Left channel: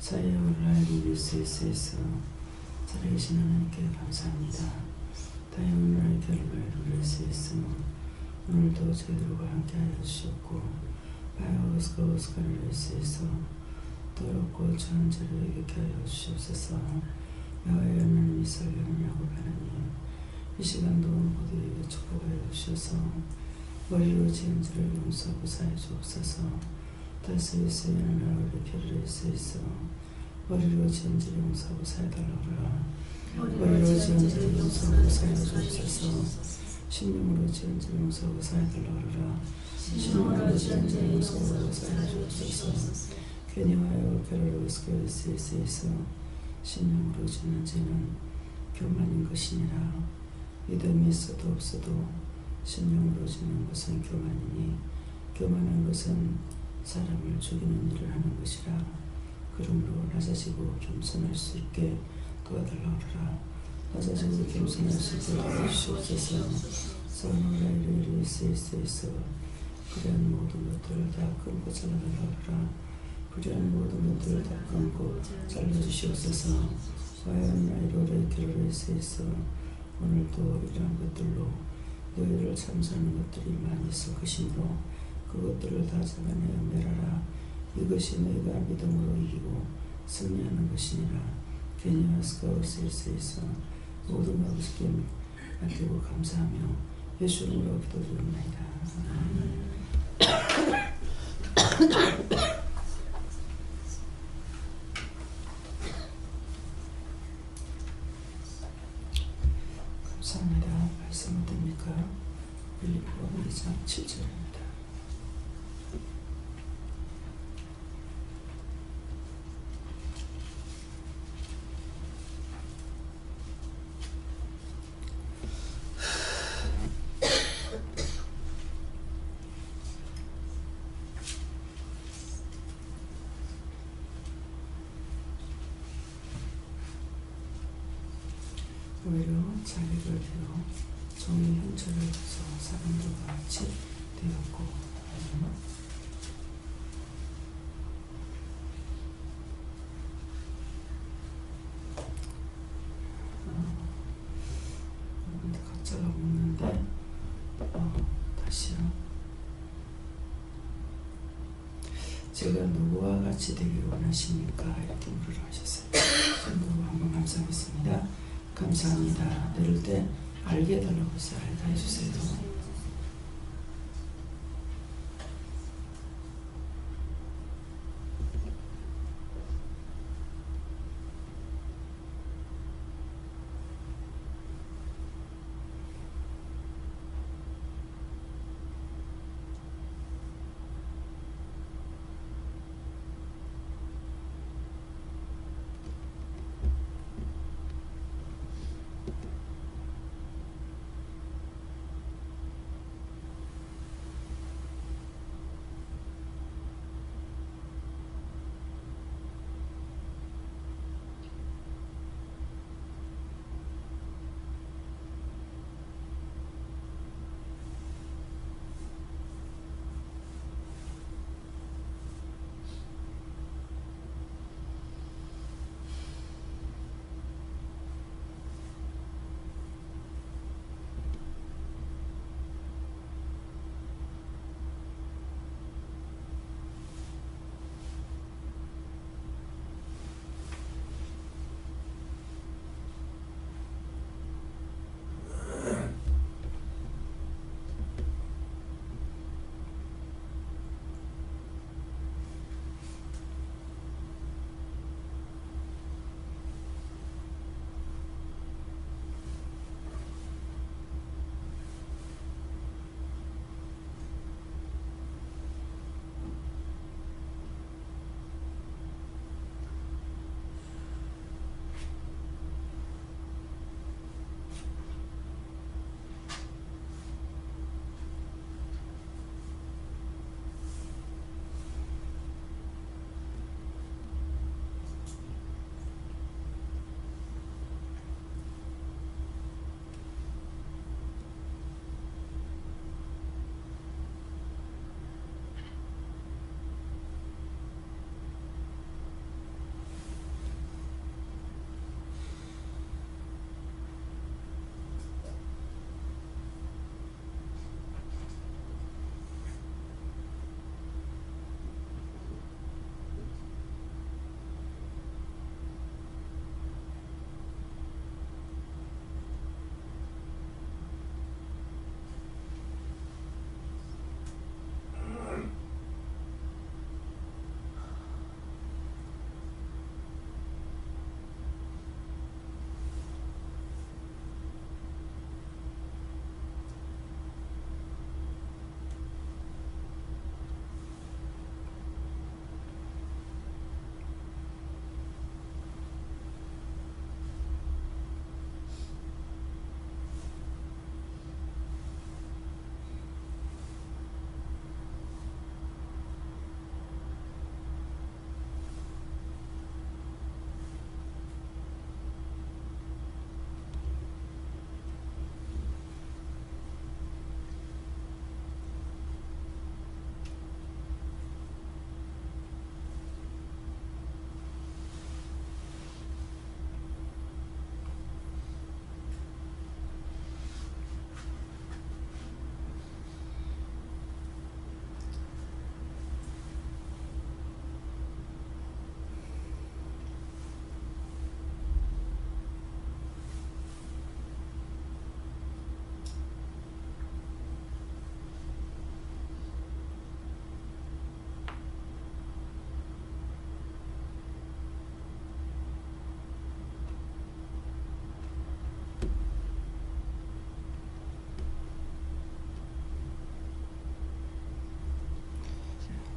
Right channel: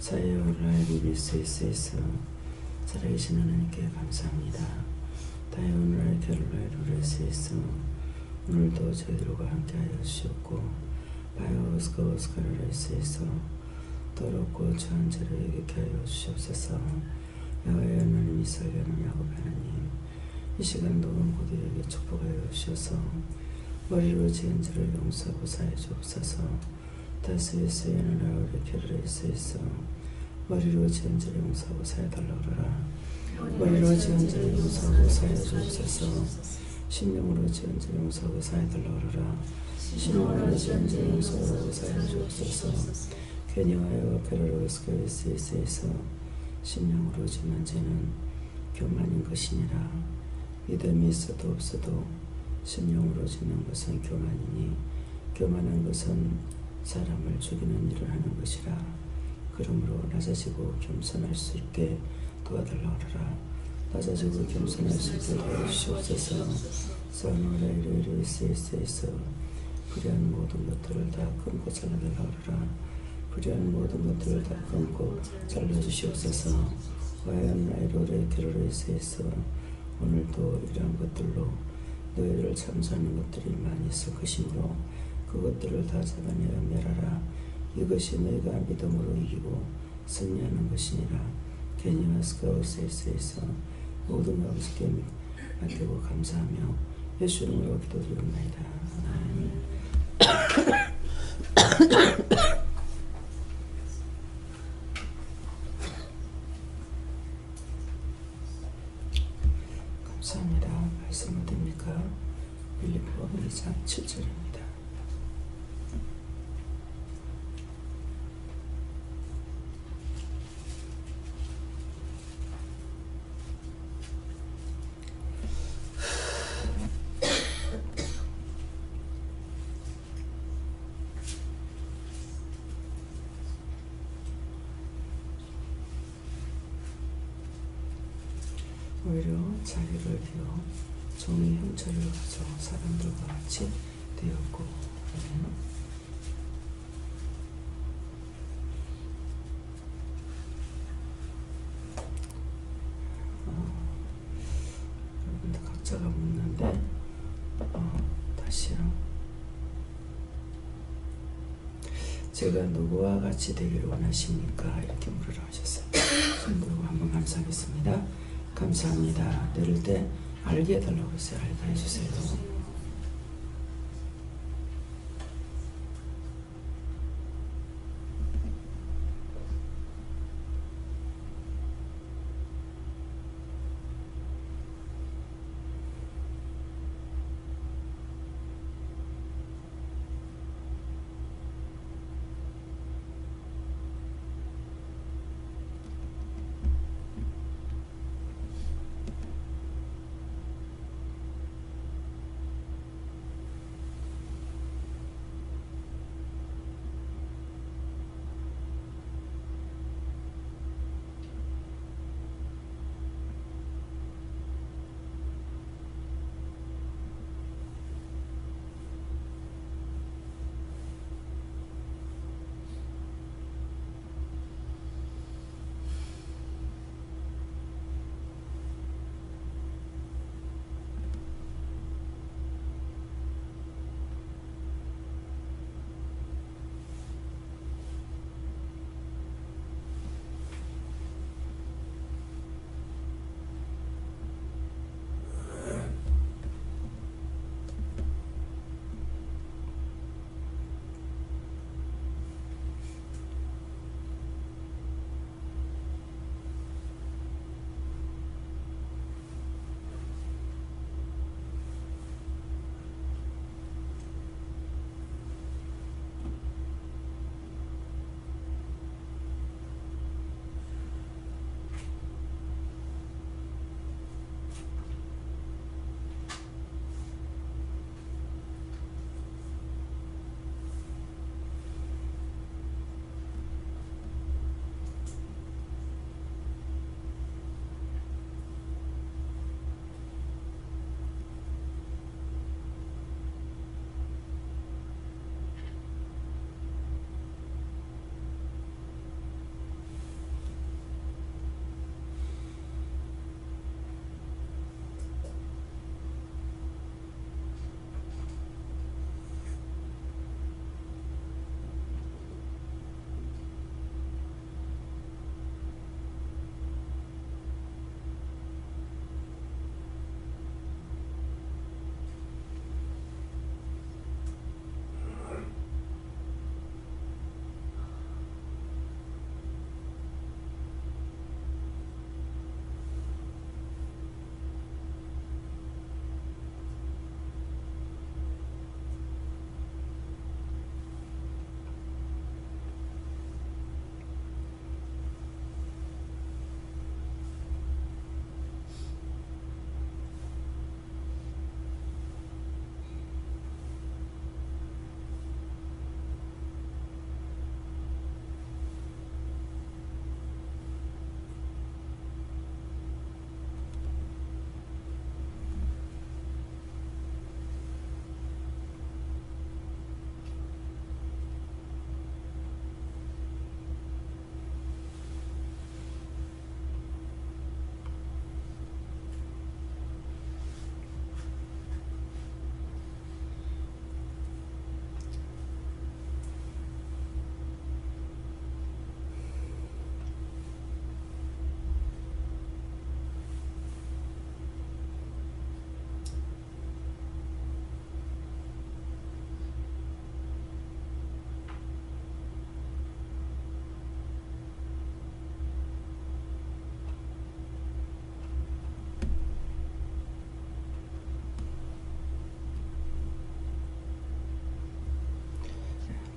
사회를 누릴 수 있어서 살아계신 하나님께 감사합니다. 다이오늘 결론을 누릴 수 있어 오늘도 저희들과 함께하여 주셨고 바이오스가 오스카를 할 수 있어 더럽고 처한 자를 얘기케 하여 주시옵소서. 야외 하나님 이스라엘은 야곱 하나님 이 시간도 모두에게 축복하여 주셔서 머리로 지은 죄를 용서하고 사해 주옵소서. 다스리스의 나라를 결을 수 있어 머리로 지은 죄를 용서하고 사해달라고 하라. 머리로 지은 죄를 용서하고 사해 주옵소서. 심령으로 지은 죄를 용서하고 사해달라고 하라. 심령으로 지은 죄를 용서하고 사해 주옵소서. 괜히하여 괴로울 수 있어 심령으로 지은 죄는 교만인 것이니라. 믿음이 있어도 없어도 심령으로 짓는 것은 교만이니 교만한 것은 사람을 죽이는 일을 하는 것이라. 그러므로 낮아지고 겸손할 수 있게 도와달라고 하라. 낮아지고 겸손할 수 있게 도와주시옵소서. 선호를 수 있어 불의한 모든 것들을 다 끊고 잘라달라고 하라. 불의한 모든 것들을 다 끊고 잘라주시옵소서. 과연 라이로를 결혼할 수 있어 오늘도 이러한 것들로 너희를 참수하는 것들이 많이 있을 것이므로 그것들을 다 잡아내어 멸하라. 이것이 너희가 믿음으로 이기고 승리하는 것이니라. 괜히와 스카우스에서 모든 아버지께 맡기고 감사하며 예수 이름으로 기도드립니다. 감사합니다. 말씀은 됩니까? 빌립보 2장 7절입니다. 오히려 자기를 비워 종의 형체를 가져 사람들과 같이 되었고 각자가 묻는데 다시요. 제가 누구와 같이 되기를 원하십니까? 이렇게 물으라 하셨어요. 성도로 한번 감사하겠습니다. 감사합니다. 내릴 때 알게 해달라고 했어요. 알게 해주세요.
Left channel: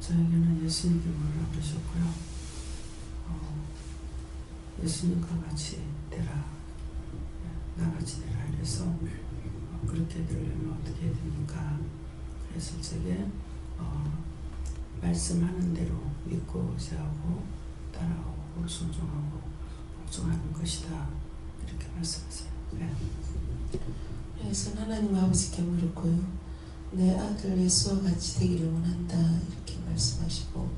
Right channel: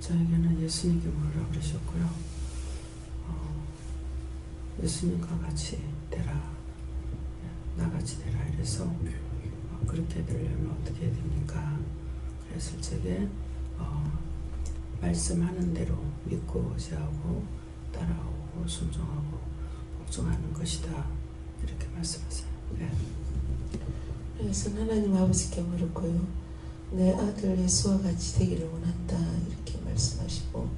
저에게는 예수님께 뭐라 그러셨고요. 예수님과 같이 되라, 나같이 되라 이래서 그렇게 되려면 어떻게 해야 됩니까? 그랬을 적에 말씀하는 대로 믿고 의지하고 따라오고 순종하고 복종하는 것이다, 이렇게 말씀하세요. 네. 그래서 하나님 아버지께 물었고요. 내 아들 예수와 같이 되기를 원한다, 이렇게 말씀하시고,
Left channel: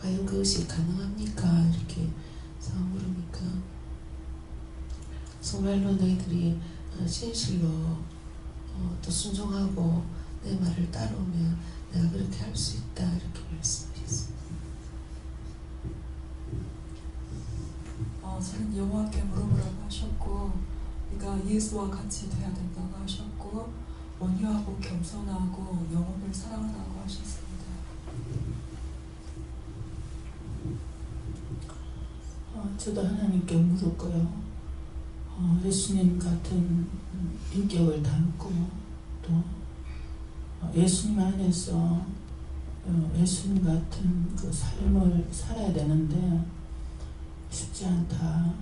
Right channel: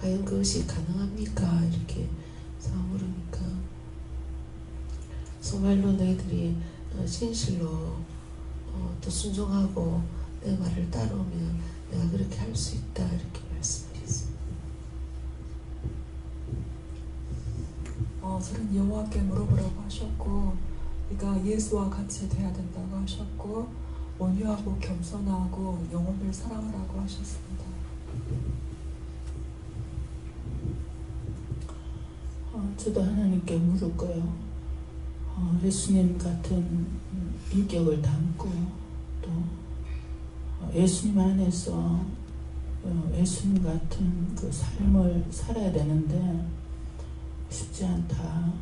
과연 그것이 가능합니까? 이렇게 물으니까, 정말로 너희들이 진실로 또 순종하고 내 말을 따라오면 내가 그렇게 할 수 있다, 이렇게 말씀하셨습니다. 저는 여호와께 물어보라고 하셨고, 그러니까 예수와 같이 돼야 된다고 하셨고, 온유하고 겸손하고 영혼을 사랑하라고 하셨습니다. 저도 하나님께 물었고요. 예수님 같은 인격을 담고 또 예수님 안에서 예수님 같은 그 삶을 살아야 되는데 쉽지 않다.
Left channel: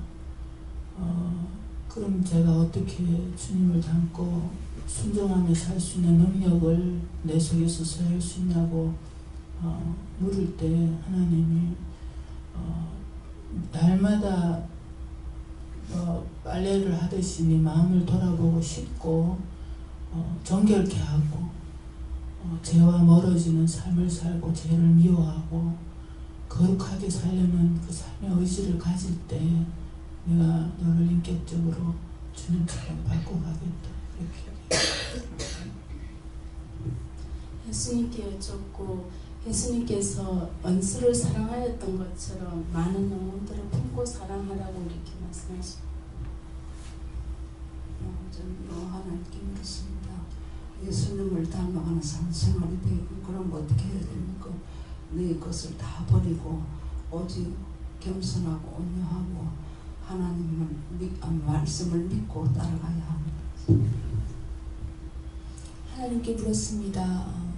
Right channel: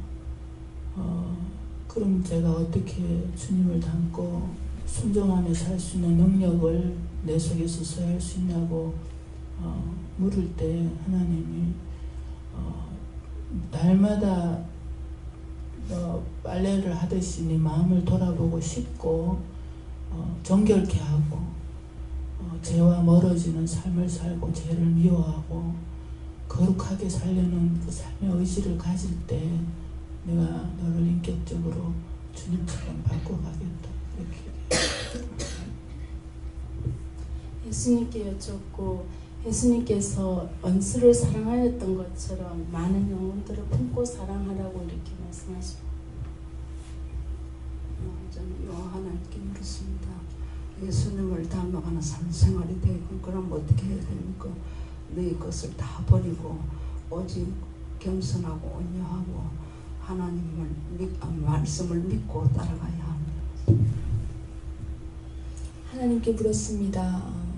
그럼 제가 어떻게 주님을 닮고 순종하며 살 수 있는 능력을 내 속에서 소유할 수 있냐고 물을 때 하나님이 날마다 빨래를 하듯이 네 마음을 돌아보고 씻고 정결케 하고 죄와 멀어지는 삶을 살고 죄를 미워하고 거룩하게 살려는 그 삶의 의지를 가질 때 내가 너를 인격적으로 주님처럼 바꿔가겠다, 이렇게 예수님께 여쭙고, 예수님께서 원수를 사랑하였던 것처럼 많은 영혼들을 품고 사랑하라고 이렇게 말씀하십니다. 저는 하나님께 물었습니다. 예수님을 닮아가는 삶생활이 되고, 그럼 어떻게 해야 됩니까? 너희 것을 다 버리고 오직 겸손하고 온유하고 하나님을 말씀을 믿고 따라가야 합니다. 하나님께 물었습니다.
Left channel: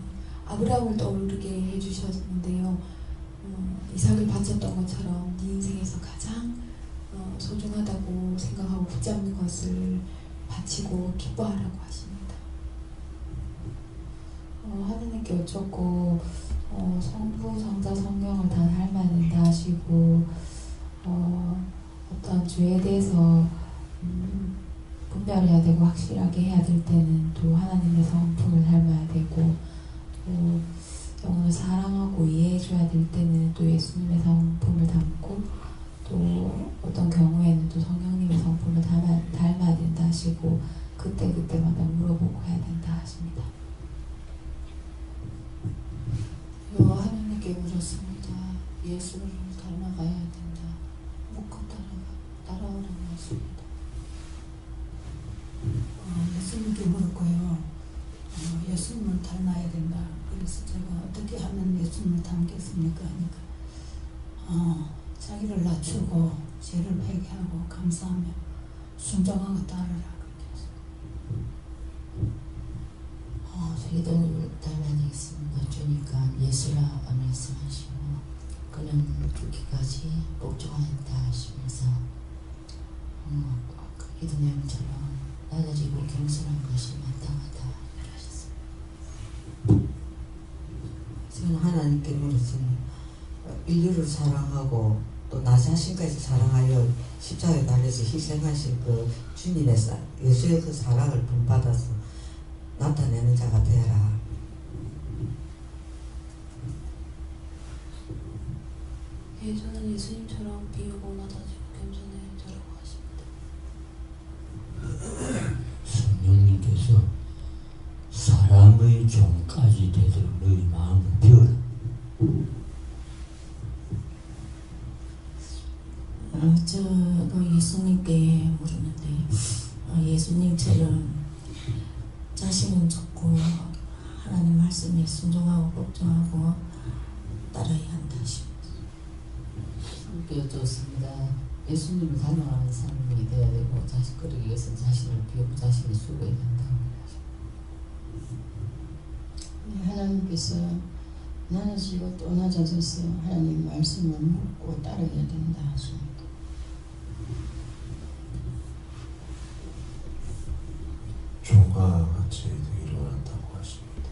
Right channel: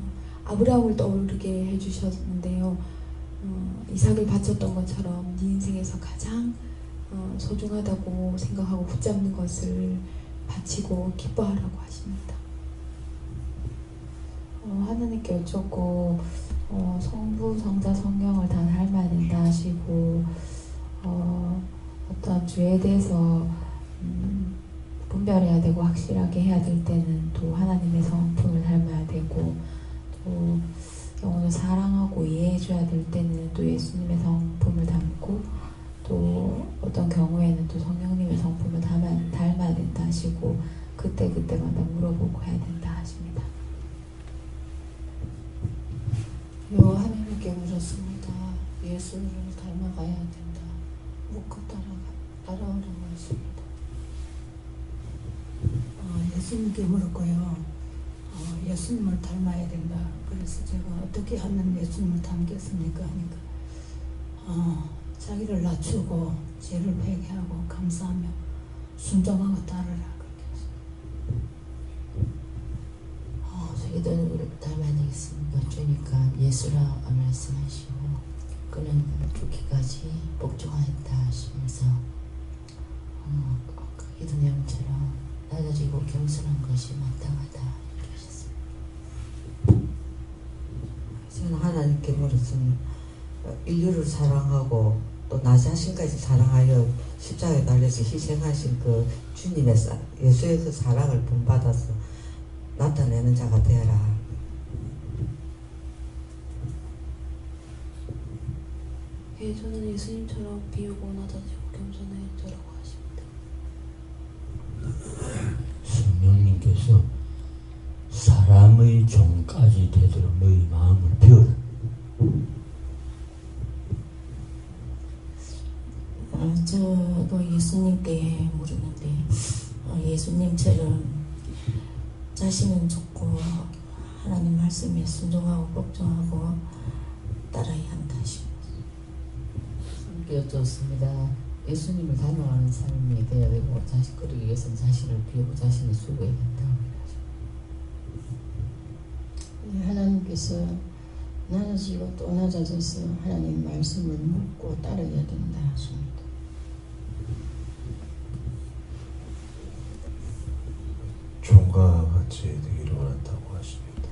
아브라함을 떠오르게 해주셨는데요. 이삭을 바쳤던 것처럼 네 인생에서 가장 소중하다고 생각하고 붙잡는 것을 바치고 기뻐하라고 하십니다. 하나님께 여쭙고 성부, 성자, 성령을 다 닮아야 된다 하시고 어떤 죄에 대해서 분별해야 되고 확실하게 해야 될 때는 또 하나님의 성품을 닮아야 되고, 또 영혼을 사랑하고 이해해줘야 될 때는 또 예수님의 성품을 닮고, 또 어떤 경우에는 또 성령님의 성품을 닮아야 된다 하시고 그때마다 물어보고 해야 된다 하십니다. 하나님께 물었습니다. 예수를 닮아가야 된다. 묻고 따라오라고 하십니다. 예수님께 물었고요. 예수님을 닮아야 된다. 그래서 제가 어떻게 하면 예수님을 닮겠습니까? 하니까 자기를 낮추고 죄를 회개하고 감사하며 순종하고 따르라, 그렇게 했습니다. 저희들 닮아야 되겠습니다. 주니까 예수라 말씀하시고 그는 죽기까지 복종하였다 하시면서 그 기도 내용처럼 낮아지고 겸손한 것이 마땅하다 이렇게 하셨습니다. 저는 하나님께 물었습니다. 인류를 사랑하고 또 나 자신까지 사랑하여 십자가에 달려서 희생하신 그 주님의 예수의 그 사랑을 본받아서 나타내는 자가 되라. 저는 예수님처럼 비우고 낮아지고 겸손해 저라고 하십니다. 성령님께서 사람의 종까지 되도록 너희 마음을 비워라. 저도 예수님께 물었는데 예수님처럼 자신은 좋고 하나님 말씀에 순종하고 복종하고 따라야 한다 하십니다. 여쭙습니다. 예수님을 닮아가는 삶이 되어야 되고 그러기 위해서는 자신을 비우고 자신을 수고해야 된다고 하나님께서 나는 지금 또 낮아져서 하나님 말씀을 묻고 따라야 된다 하십니다. 종과 같이 되기를 원한다고 하십니다.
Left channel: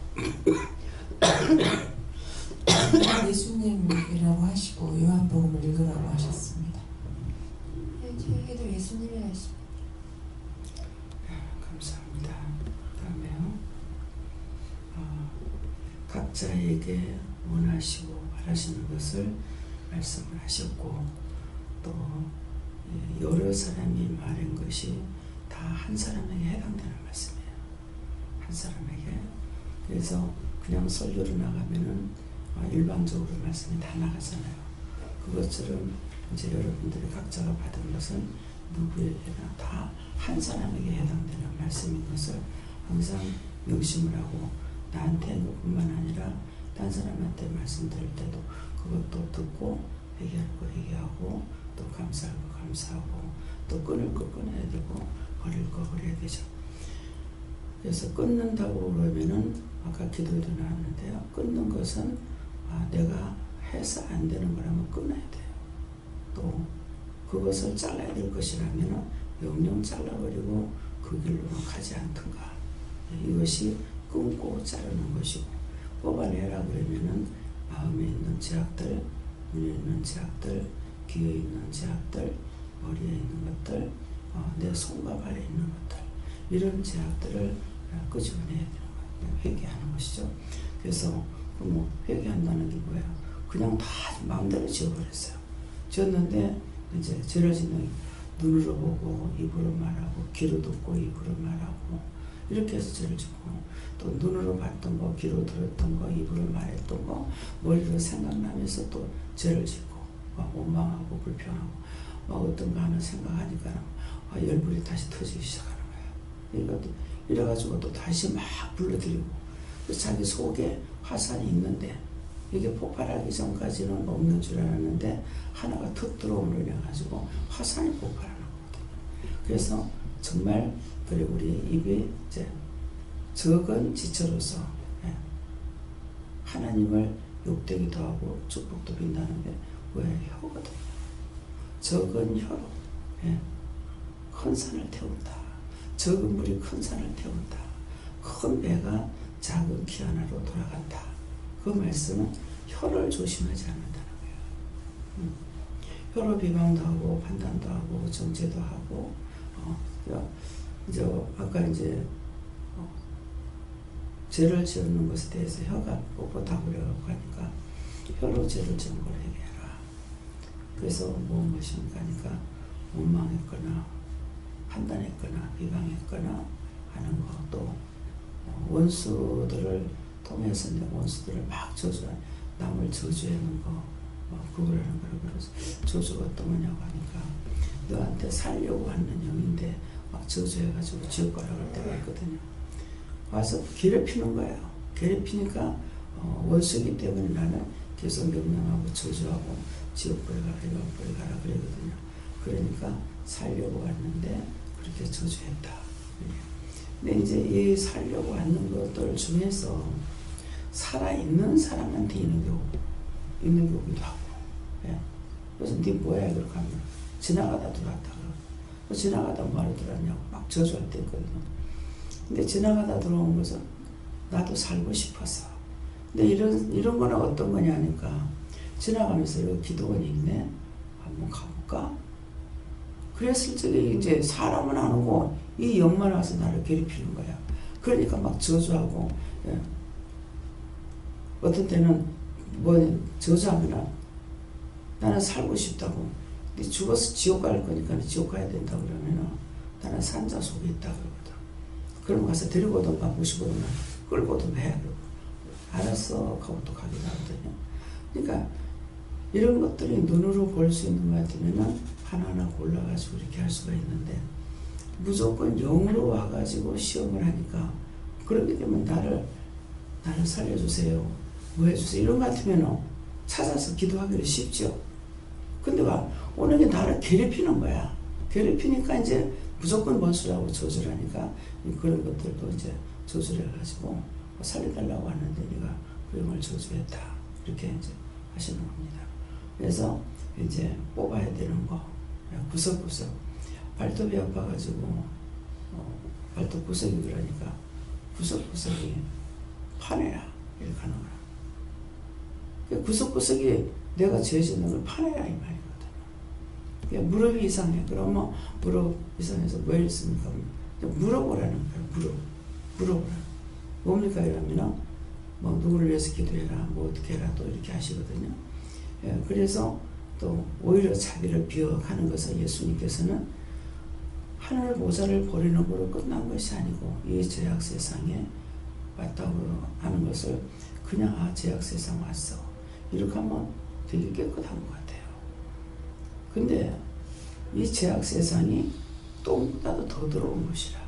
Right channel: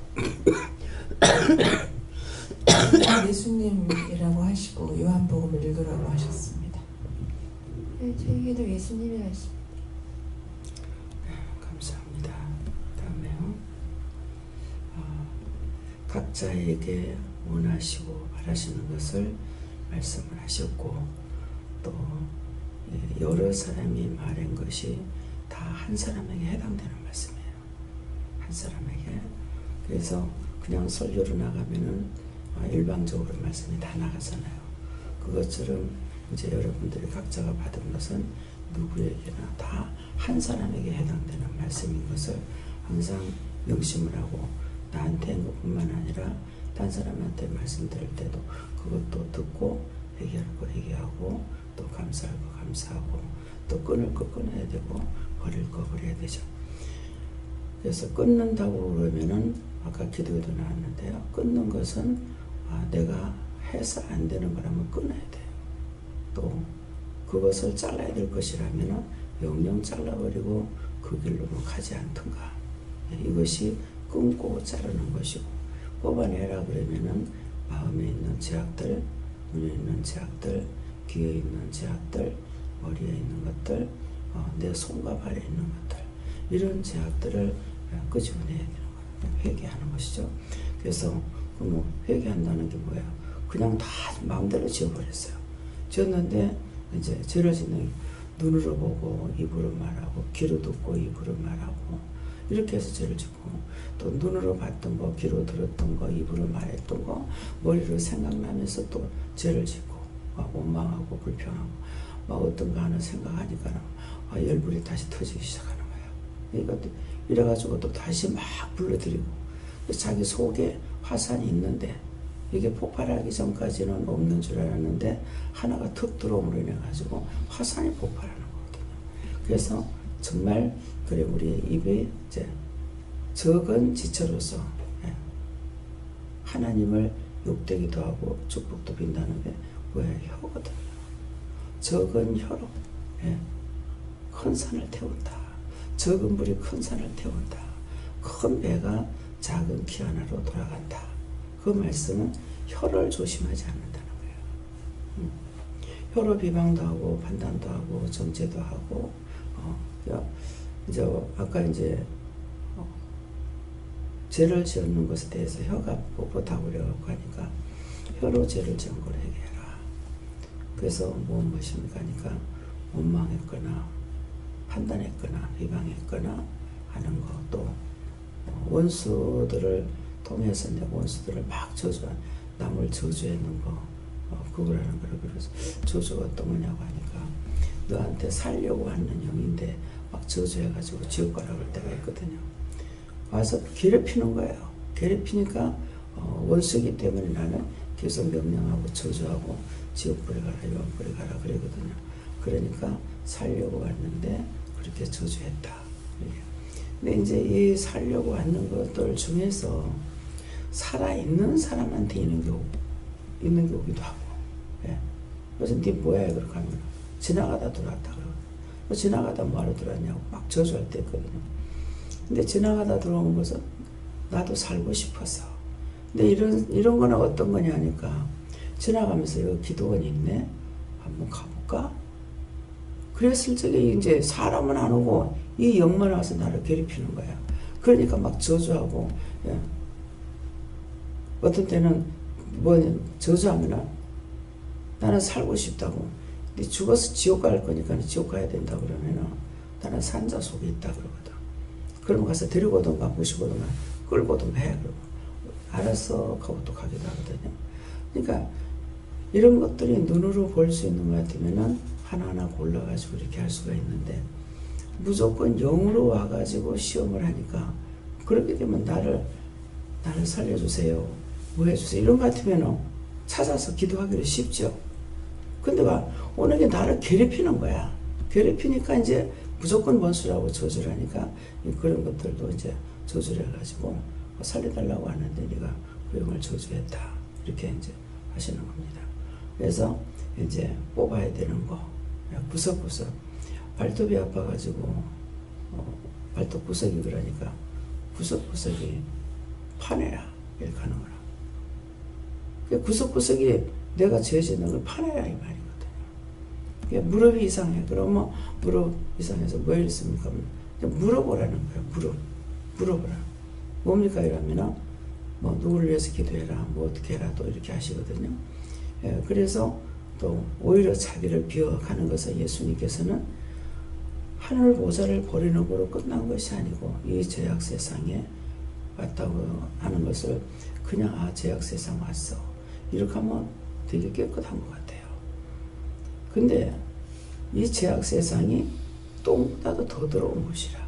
예수님이라고 하시고 요한복음을 읽으라고 하셨습니다. 네, 저에게도 예수님이 하십니다. 감사합니다. 다음에요. 각자에게 원하시고 바라시는 것을 말씀을 하셨고 또 여러 사람이 말한 것이 다 한 사람에게 해당되는 말씀이에요. 한 사람에게. 그래서 그냥 설교로 나가면은 일방적으로 말씀이 다 나가잖아요. 그것처럼 이제 여러분들이 각자가 받은 것은 누구에게나 다 한 사람에게 해당되는 말씀인 것을 항상 명심을 하고 나한테 한 것뿐만 아니라 딴 사람한테 말씀드릴 때도 그것도 듣고 회개할 거 회개하고 또 감사할 거 감사하고 또 끊을 거 끊어야 되고 버릴 거 버려야 되죠. 그래서 끊는다고 그러면은 아까 기도에도 나왔는데요. 끊는 것은 내가 해서 안 되는 거라면 끊어야 돼요. 또 그것을 잘라야 될 것이라면 영영 잘라버리고 그 길로는 가지 않던가. 이것이 끊고 자르는 것이고 뽑아내라 그러면은 마음에 있는 제약들, 눈에 있는 제약들, 귀에 있는 제약들, 머리에 있는 것들, 내 손과 발에 있는 것들 이런 제약들을 끄집어내야 되는 거예요. 회개하는 것이죠. 그래서 회개한다는 게 뭐예요? 그냥 다 마음대로 지어버렸어요. 지었는데 이제 죄를 짓는 눈으로 보고 입으로 말하고 귀로 듣고 입으로 말하고 이렇게 해서 죄를 짓고 또 눈으로 봤던 거 귀로 들었던 거 입으로 말했던 거 머리로 생각나면서 또 죄를 짓고 막 원망하고 불평하고 막 어떤 거 하나 생각하니까 열불이 다시 터지기 시작하는 거예요. 그러니까 이래가지고 또 다시 막 불러들이고 자기 속에 화산이 있는데 이게 폭발하기 전까지는 없는 줄 알았는데 하나가 툭 들어옴으로 인해 가지고 화산이 폭발하는 거거든요. 그래서 정말 그래 우리 입이 이제 적은 지체로서 하나님을 욕되기도 하고 축복도 빈다는 게 뭐예요? 혀거든요. 적은 혀로 큰 산을 태운다. 적은 물이 큰 산을 태운다. 큰 배가 작은 키 하나로 돌아간다. 그 말씀은 혀를 조심하지 않는다는 거예요. 혀로 비방도 하고 판단도 하고 정죄도 하고 이제 아까 이제 죄를 지었는 것에 대해서 혀가 뻣뻣하고 그래갖고 하니까 혀로 죄를 지은 걸 회개해라. 그래서 무엇입니까? 하니까 원망했거나 판단했거나 비방했거나 하는 거 또 원수들을 통해서 내 원수들을 막 저주한 남을 저주하는 거 그거라는 거를 그래서 저주가 어떤 거냐고 하니까 너한테 살려고 하는 영인데 막 저주해가지고 지옥 가라 그럴 때가 있거든요. 와서 괴롭히는 거예요. 괴롭히니까 원수이기 때문에 나는 계속 명령하고 저주하고 지옥불에 가라 영불에 가라 그러거든요. 그러니까 살려고 왔는데 그렇게 저주했다. 근데 이제 이 살려고 왔는 것들 중에서 살아있는 사람한테 있는 게 오기도 하고 그래서 네 뭐야 그렇게 하면 지나가다 들어왔다 그러고 지나가다 뭐하러 들어왔냐고 막 저주할 때 있거든요. 근데 지나가다 들어온 것은 나도 살고 싶어서 근데 이런 거는 어떤 거냐 하니까 지나가면서 여기 기도원이 있네 한번 가볼까? 그랬을 적에 이제 사람은 안 오고 이 영만 와서 나를 괴롭히는 거야. 그러니까 막 저주하고 어떤 때는 저주하면 나는 살고 싶다고 네 죽어서 지옥 갈 거니까 지옥 가야 된다 그러면은 나는 산자 속에 있다 그러거든. 그러면 가서 데리고 오던가 모시고 오던가 끌고 오던가 해 그러고 알았어 하고 또 가기도 하거든요. 그러니까 이런 것들이 눈으로 볼 수 있는 것 같으면은 하나하나 골라가지고 이렇게 할 수가 있는데 무조건 영으로 와가지고 시험을 하니까 그렇게 되면 나를 살려주세요. 뭐 해주세요. 이런 것 같으면 찾아서 기도하기도 쉽죠. 근데 오는 게 나를 괴롭히는 거야. 괴롭히니까 이제 무조건 원수라고 저주를 하니까 그런 것들도 이제 저주를 해가지고 살려달라고 하는데 네가 그 영을 저주했다. 이렇게 이제 하시는 겁니다. 그래서 이제 뽑아야 되는 거 구석구석 발톱이 아파가지고 발톱 구석이 그러니까 구석구석이 파내라 이렇게 하는 거라. 구석구석이 내가 죄짓는 걸 파내라 이 말이거든요. 무릎이 이상해. 그러면 무릎 이상해서 뭐 했습니까? 물어보라는 거예요. 물어보라. 뭡니까 이러면은 뭐 누구를 위해서 기도해라, 뭐 어떻게 해라 또 이렇게 하시거든요. 그래서 또 오히려 자기를 비워가는 것은 예수님께서는 하늘 보좌를 버리는 거로 끝난 것이 아니고 이 죄악 세상에 왔다고 하는 것을 그냥 죄악 세상 왔어 이렇게 하면 되게 깨끗한 것 같아요. 근데 이 죄악 세상이 똥보다도 더 더러운 것이라.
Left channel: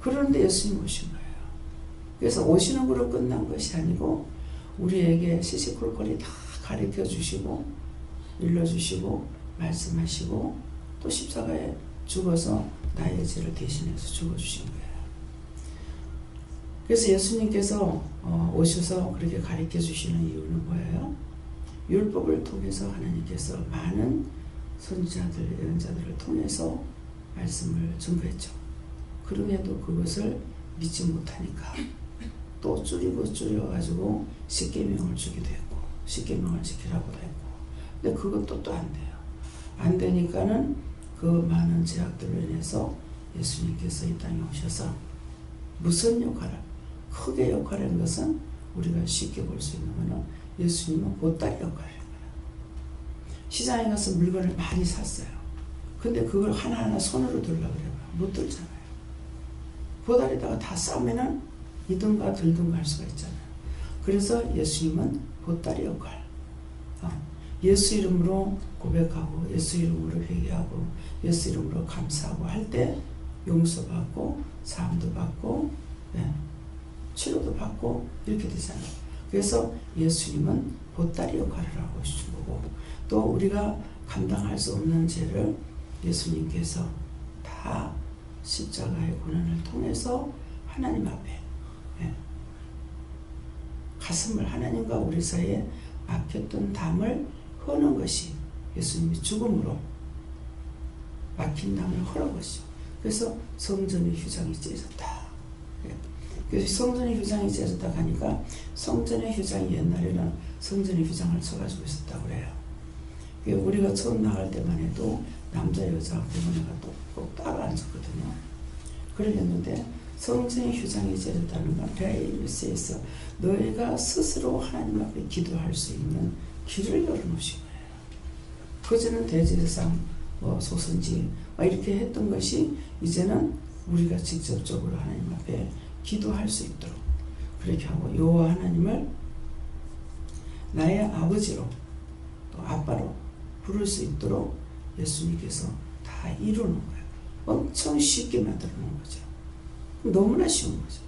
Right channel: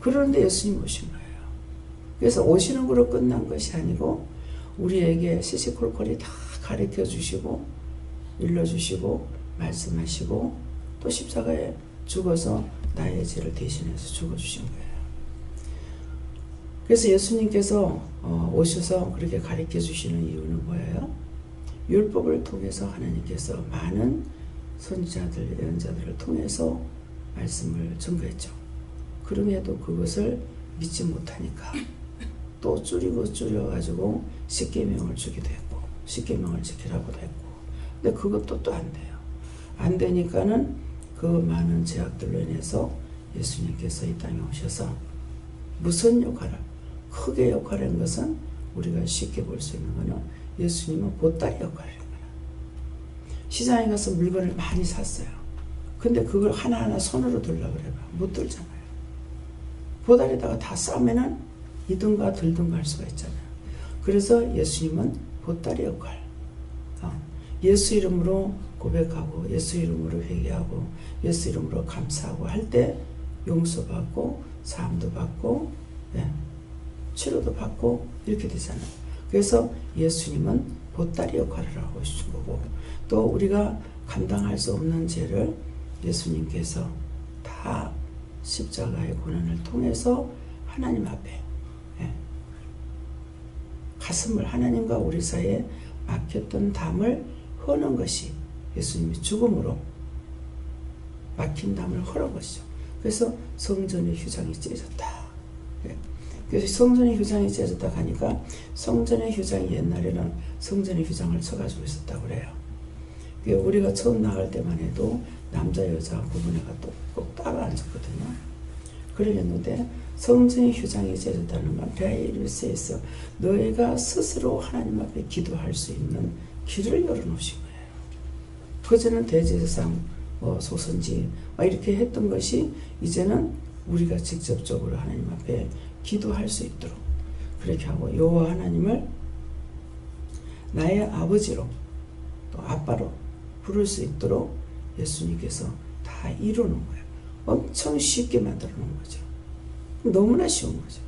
그런데 예수님 오신 거예요. 그래서 오시는 거로 끝난 것이 아니고 우리에게 시시콜콜이 다 가르쳐 주시고 일러주시고 말씀하시고 또 십자가에 죽어서 나의 죄를 대신해서 죽어주신 거예요. 그래서 예수님께서 오셔서 그렇게 가르쳐 주시는 이유는 뭐예요? 율법을 통해서 하나님께서 많은 선지자들, 예언자들을 통해서 말씀을 증거했죠. 그럼에도 그것을 믿지 못하니까 또 줄여가지고 십계명을 주기도 했고 십계명을 지키라고도 했고 근데 그것도 또 안 돼요. 안 되니까는 그 많은 제약들로 인해서 예수님께서 이 땅에 오셔서 무슨 역할을 크게 역할한 것은 우리가 쉽게 볼 수 있는 것은 예수님은 보따리 역할을 한 거예요. 시장에 가서 물건을 많이 샀어요. 근데 그걸 하나하나 손으로 들려고 그래요. 못 들잖아요. 보따리에다가 다 싸면은 이든가 들든가 할 수가 있잖아요. 그래서 예수님은 보따리 역할. 예수 이름으로 고백하고 예수 이름으로 회개하고 예수 이름으로 감사하고 할 때 용서받고 사함도 받고 치료도 받고 이렇게 되잖아요. 그래서 예수님은 보따리 역할을 하고 계신 거고 또 우리가 감당할 수 없는 죄를 예수님께서 다 십자가의 고난을 통해서 하나님 앞에 가슴을 하나님과 우리 사이에 막혔던 담을 허는 것이 예수님이 죽음으로 막힌 담을 허는 것이죠. 그래서 성전의 휴장이 찢어졌다. 그래서 성전의 휴장이 찢어졌다 하니까 성전의 휴장이 옛날에는 성전의 휴장을 쳐가지고 있었다고 그래요. 우리가 처음 나갈 때만 해도 남자 여자 구분해가 꼭 따로 앉았거든요. 그러겠는데 성전의 휴장이 찢어졌다는 건 레이루스에서 너희가 스스로 하나님 앞에 기도할 수 있는 길을 열어놓으신 거예요. 그전에는 대제사장, 소선지 이렇게 했던 것이 이제는 우리가 직접적으로 하나님 앞에 기도할 수 있도록 그렇게 하고 여호와 하나님을 나의 아버지로 또 아빠로 부를 수 있도록 예수님께서 다 이루는 거예요. 엄청 쉽게 만들어 놓은 거죠. 너무나 쉬운 거죠.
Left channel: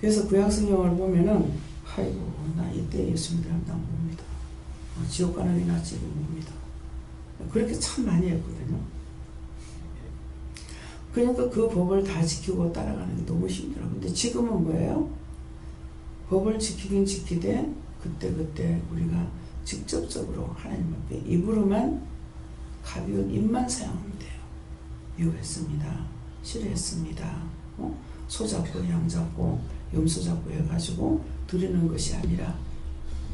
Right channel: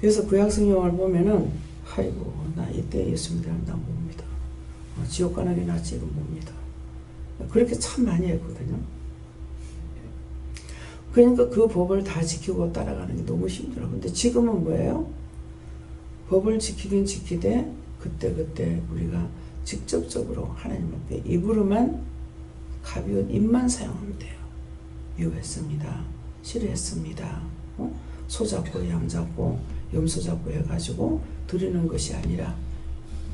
그래서 구약성경을 보면은 아이고 나 이때 예수 믿으면 나 뭡니다. 지옥 가는 게 낫지 이거 뭡니다. 그렇게 참 많이 했거든요. 그러니까 그 법을 다 지키고 따라가는 게 너무 힘들어. 근데 지금은 뭐예요? 법을 지키긴 지키되 그때 우리가 직접적으로 하나님 앞에 입으로만 가벼운 입만 사용하면 돼요. 유했습니다. 싫어했습니다. 소 잡고 양 잡고 염소 잡고 해가지고 드리는 것이 아니라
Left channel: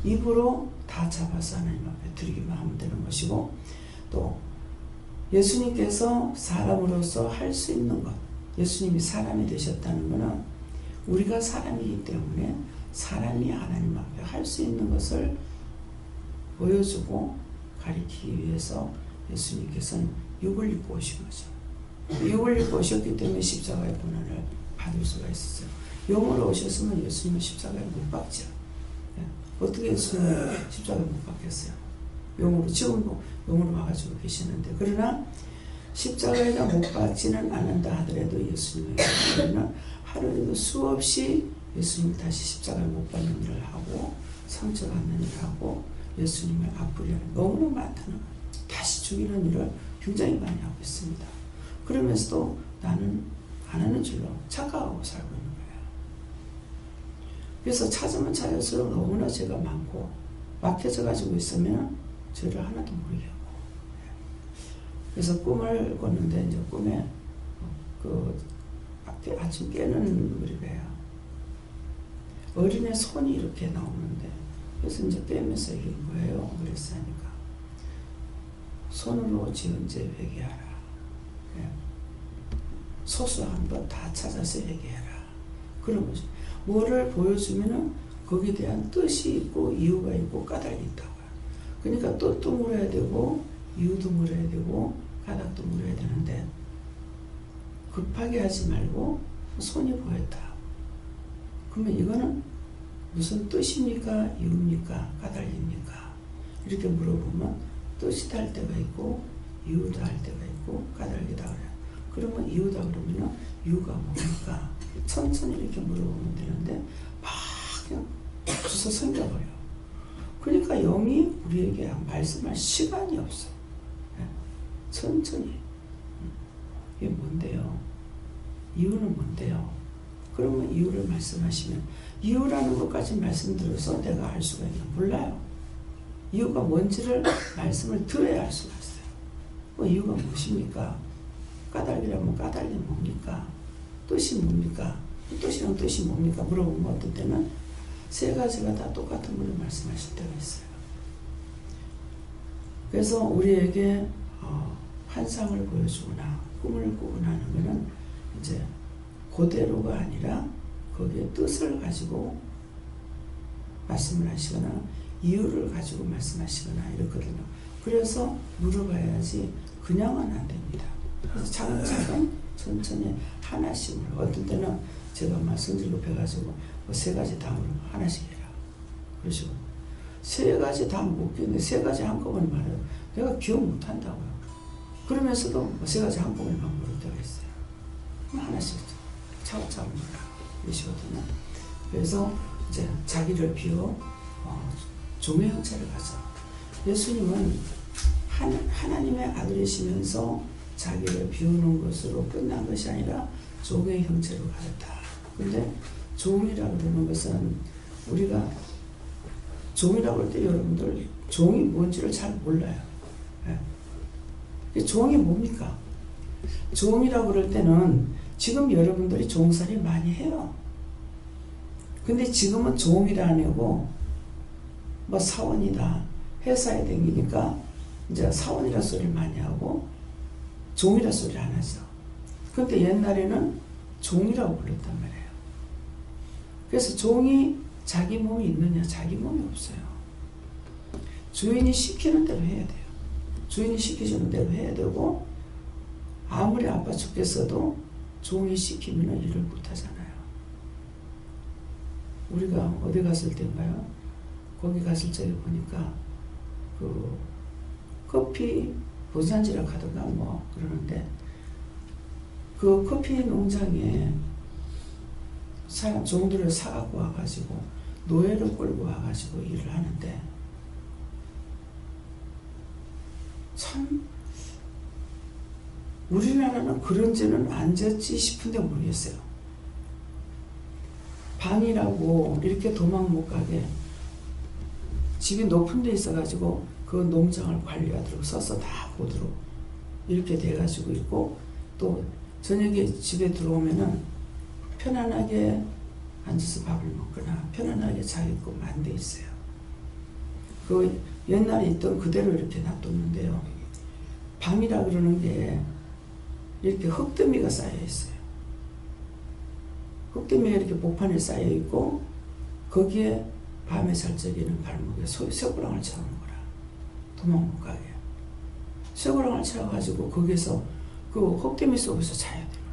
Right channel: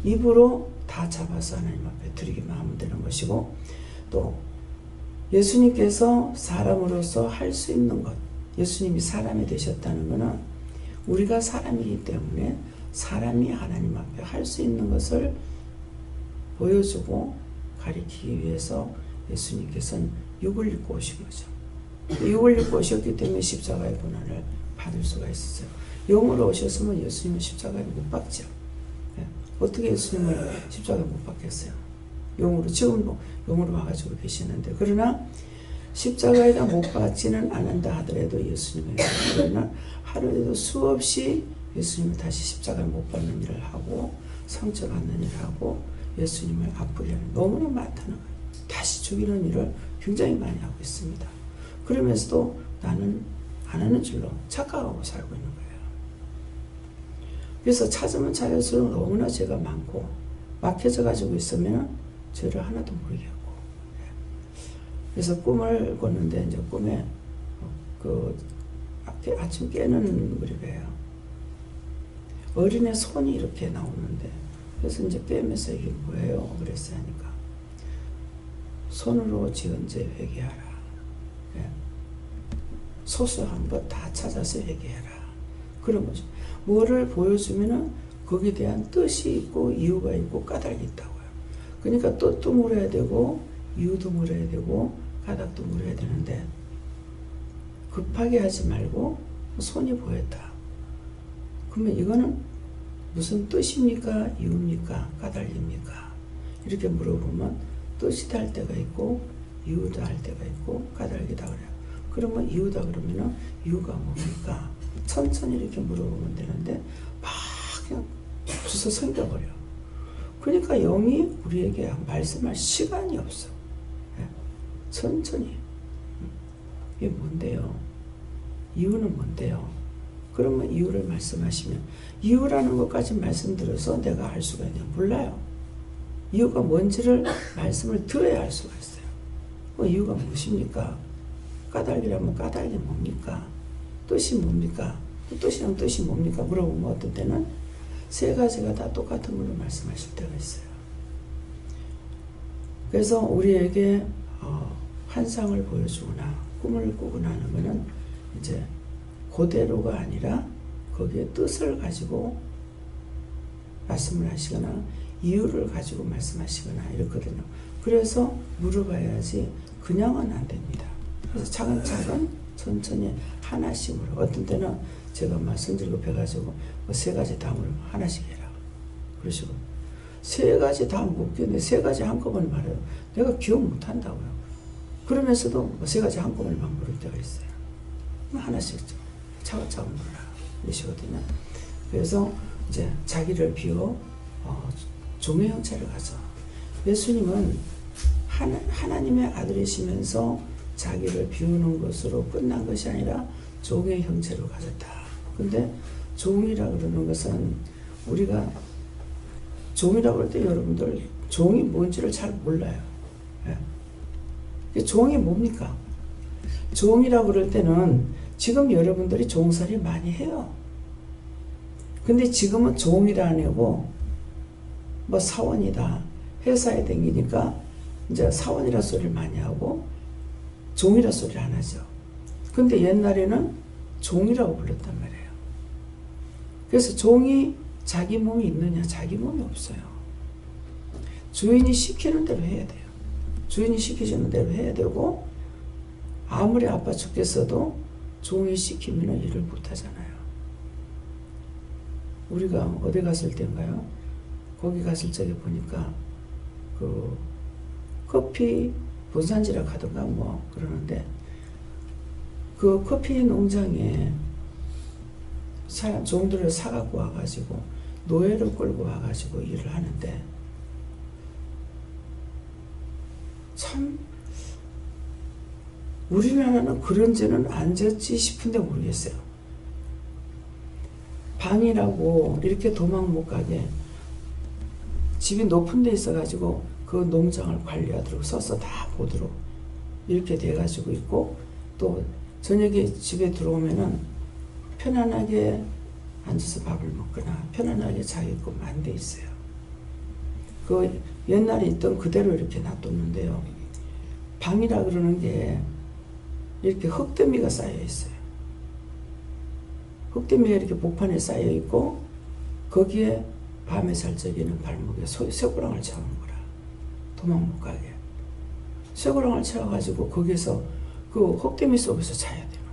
입으로 다 잡아서 하나님 앞에 드리기만 하면 되는 것이고 또 예수님께서 사람으로서 할 수 있는 것 예수님이 사람이 되셨다는 것은 우리가 사람이기 때문에 사람이 하나님 앞에 할 수 있는 것을 보여주고 가리키기 위해서 예수님께서는 육을 입고 오신 거죠. 육을 입고 오셨기 때문에 십자가의 고난을 받을 수가 있었어요. 영으로 오셨으면 예수님은 십자가에 못 박죠. 어떻게 예수님을 십자가에 못 박겠어요? 영으로 지금도 영으로 와가지고 계시는데 그러나 십자가에다 못 박지는 않는다 하더라도 예수님에게는 하루에도 수없이 예수님을 다시 십자가에 못 박는 일을 하고 상처받는 일을 하고 예수님을 아프게 하는 너무나 많다는 거예요. 다시 죽이는 일을 굉장히 많이 하고 있습니다. 그러면서도 나는 안 하는 줄로 착각하고 살고 있는 거예요. 그래서 찾으면 찾을수록 너무나 죄가 많고 막혀져 가지고 있으면 죄를 하나도 모르게 하고. 그래서 꿈을 꿨는데 이제 꿈에 그 아침 깨는 무렵이에요. 어린애 손이 이렇게 나오는데, 그래서 이제 깨면서 이게 뭐예요? 그랬어요. 하니까 손으로 지은 죄 회개하라. 소소한 것 다 찾아서 회개해라. 그런 거죠. 뭐를 보여주면은 거기에 대한 뜻이 있고 이유가 있고 까닭이 있다고요. 그러니까 뜻도 물어야 되고 이유도 물어야 되고 까닭도 물어야 되는데, 급하게 하지 말고 손이 보였다. 그러면 이거는 무슨 뜻입니까? 이유입니까? 까닭입니까? 이렇게 물어보면 뜻이 달 때가 있고 이유다 할 때가 있고 까닭이다 그래요. 그러면 이유다 그러면은 이유가 뭡니까? 천천히 이렇게 물어보면 되는데 막 그냥 주워 생겨버려. 그러니까 영이 우리에게 말씀할 시간이 없어. 천천히. 이게 뭔데요? 이유는 뭔데요? 그러면 이유를 말씀하시면, 이유라는 것까지 말씀드려서 내가 알 수가 있냐? 몰라요. 이유가 뭔지를 말씀을 들어야 알 수가 있어요. 그 이유가 무엇입니까? 까닭이라면 까닭이 뭡니까? 뜻이 뭡니까? 뜻이랑 뜻이 뭡니까? 물어보면 어떤 때는 세 가지가 다 똑같은 걸로 말씀하실 때가 있어요. 그래서 우리에게 환상을 보여주거나 꿈을 꾸거나 하는 것은 이제 그대로가 아니라 거기에 뜻을 가지고 말씀을 하시거나 이유를 가지고 말씀하시거나 이렇거든요. 그래서 물어봐야지 그냥은 안 됩니다. 그래서 차근차근 천천히 하나씩으로, 어떤 때는 제가 막 성질 급해가지고 세 가지 다 물으면 하나씩 해라 그러시고, 세 가지 다 묻겠는데 세 가지 한꺼번에 말해요. 내가 기억 못한다고요. 그러면서도 세 가지 한꺼번에 막 물을 때가 있어요. 그럼 하나씩 차근차근 물어라 이러시거든요. 그래서 이제 자기를 비워 종의 형체를 가져. 예수님은 하나님의 아들이시면서 자기를 비우는 것으로 끝난 것이 아니라 종의 형체로 가졌다. 근데 종이라 그러는 것은, 우리가 종이라고 할 때 여러분들 종이 뭔지를 잘 몰라요. 종이 뭡니까? 종이라고 그럴 때는 지금 여러분들이 종살이 많이 해요. 근데 지금은 종이라 안 하고 뭐 사원이다, 회사에 다니니까 이제 사원이라 소리를 많이 하고 종이라 소리를 안 하죠. 근데 옛날에는 종이라고 불렀단 말이에요. 그래서 종이 자기 몸이 있느냐? 자기 몸이 없어요. 주인이 시키는 대로 해야 돼요. 주인이 시키시는 대로 해야 되고, 아무리 아파 죽겠어도 종이 시키면 일을 못 하잖아요. 우리가 어디 갔을 때인가요? 거기 갔을 적에 보니까 그 커피 본산지라 하던가 뭐 그러는데, 그 커피 농장에 종들을 사갖고 와가지고 노예를 끌고 와가지고 일을 하는데, 참 우리나라는 그런지는 안 졌지 싶은데 모르겠어요. 방이라고 이렇게 도망 못 가게 집이 높은 데 있어가지고 그 농장을 관리하도록 서서 다 보도록 이렇게 돼가지고 있고, 또 저녁에 집에 들어오면은 편안하게 앉아서 밥을 먹거나 편안하게 자게끔 안 돼 있어요. 그 옛날에 있던 그대로 이렇게 놔뒀는데요. 방이라 그러는 게 이렇게 흙더미가 쌓여 있어요. 흙더미가 이렇게 복판에 쌓여 있고, 거기에 밤에 잘 적에는 발목에 쇠고랑을 채우는 거라. 도망 못 가게. 쇠고랑을 채워가지고 거기서 그 흙더미 속에서 자야 되는 거예요.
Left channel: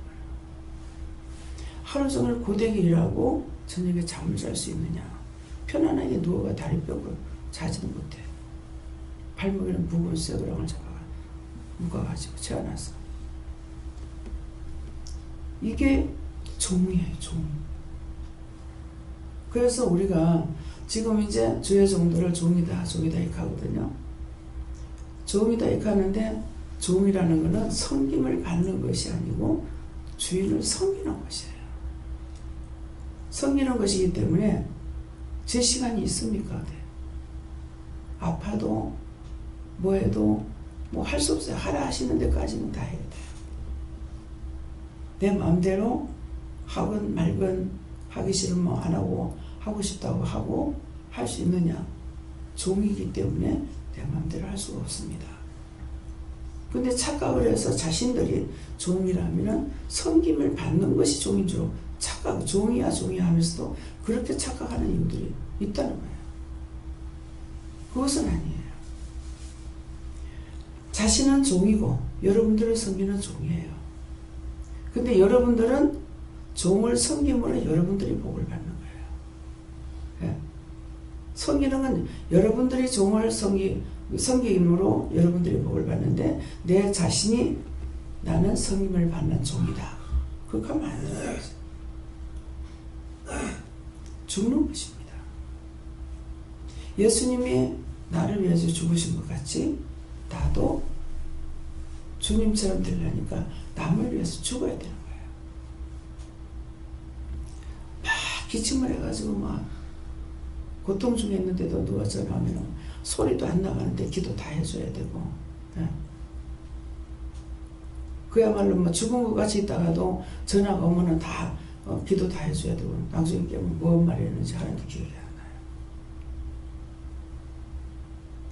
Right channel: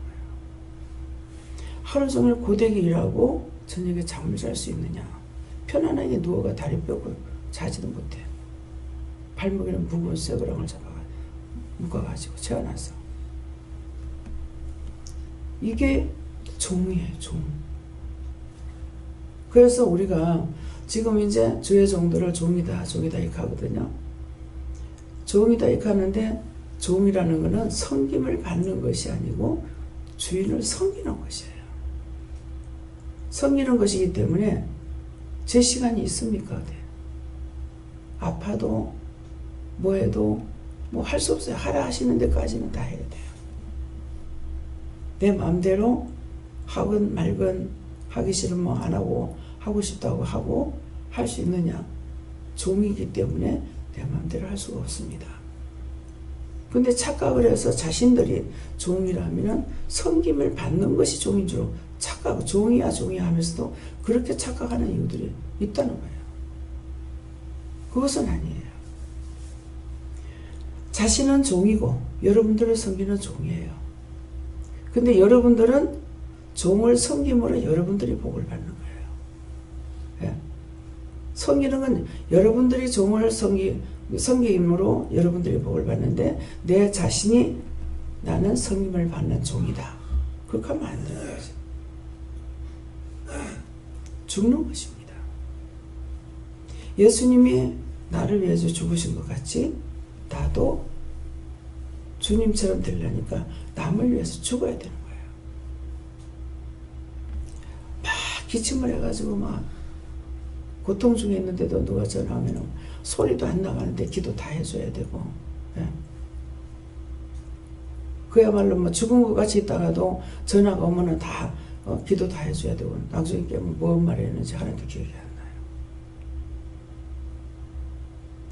하루 종일 고되게 일하고 저녁에 잠을 잘 수 있느냐? 편안하게 누워가 다리 펴고 자지도 못해. 발목에는 무거운 쇠고랑을 묶어가지고 채워놔서. 이게 종이에요, 종. 그래서 우리가 지금 이제 주의 종들을 종이다 이렇게 하거든요. 종이다 이렇게 하는데, 종이라는 것은 섬김을 받는 것이 아니고 주인을 섬기는 것이에요. 섬기는 것이기 때문에 제 시간이 있습니까? 네. 아파도 뭐 해도 뭐 할 수 없어요. 하라 하시는 데까지는 다 해야 돼요. 내 마음대로 하건 말건 하기 싫으면 뭐 안 하고 하고 싶다고 하고 할 수 있느냐? 종이기 때문에 내 마음대로 할 수가 없습니다. 근데 착각을 해서 자신들이 종이라면은 섬김을 받는 것이 종인 줄 착각, 종이야 하면서도 그렇게 착각하는 이유들이 있다는 거예요. 그것은 아니에요. 자신은 종이고 여러분들을 섬기는 종이에요. 근데 여러분들은 종을 섬김으로 여러분들이 복을 받는 거예요. 예. 섬기는 건 여러분들이 종을 섬김으로 여러분들이 복을 받는데 내 자신이 나는 섬김을 받는 종이다. 그렇게 하면 안 되는 거죠. 죽는 것입니다. 예수님이 나를 위해서 죽으신 것 같이 나도 주님처럼 되려니까 남을 위해서 죽어야 되는 거예요. 막 기침을 해가지고 막 고통 중에 있는데도 누가 전화하면 소리도 안 나가는데 기도 다 해줘야 되고, 예. 그야말로 뭐 죽은 것 같이 있다가도 전화가 오면은 다 기도 다 해줘야 되고, 나중에 깨면 뭔 말을 했는지 하나도 기억이 안 나요.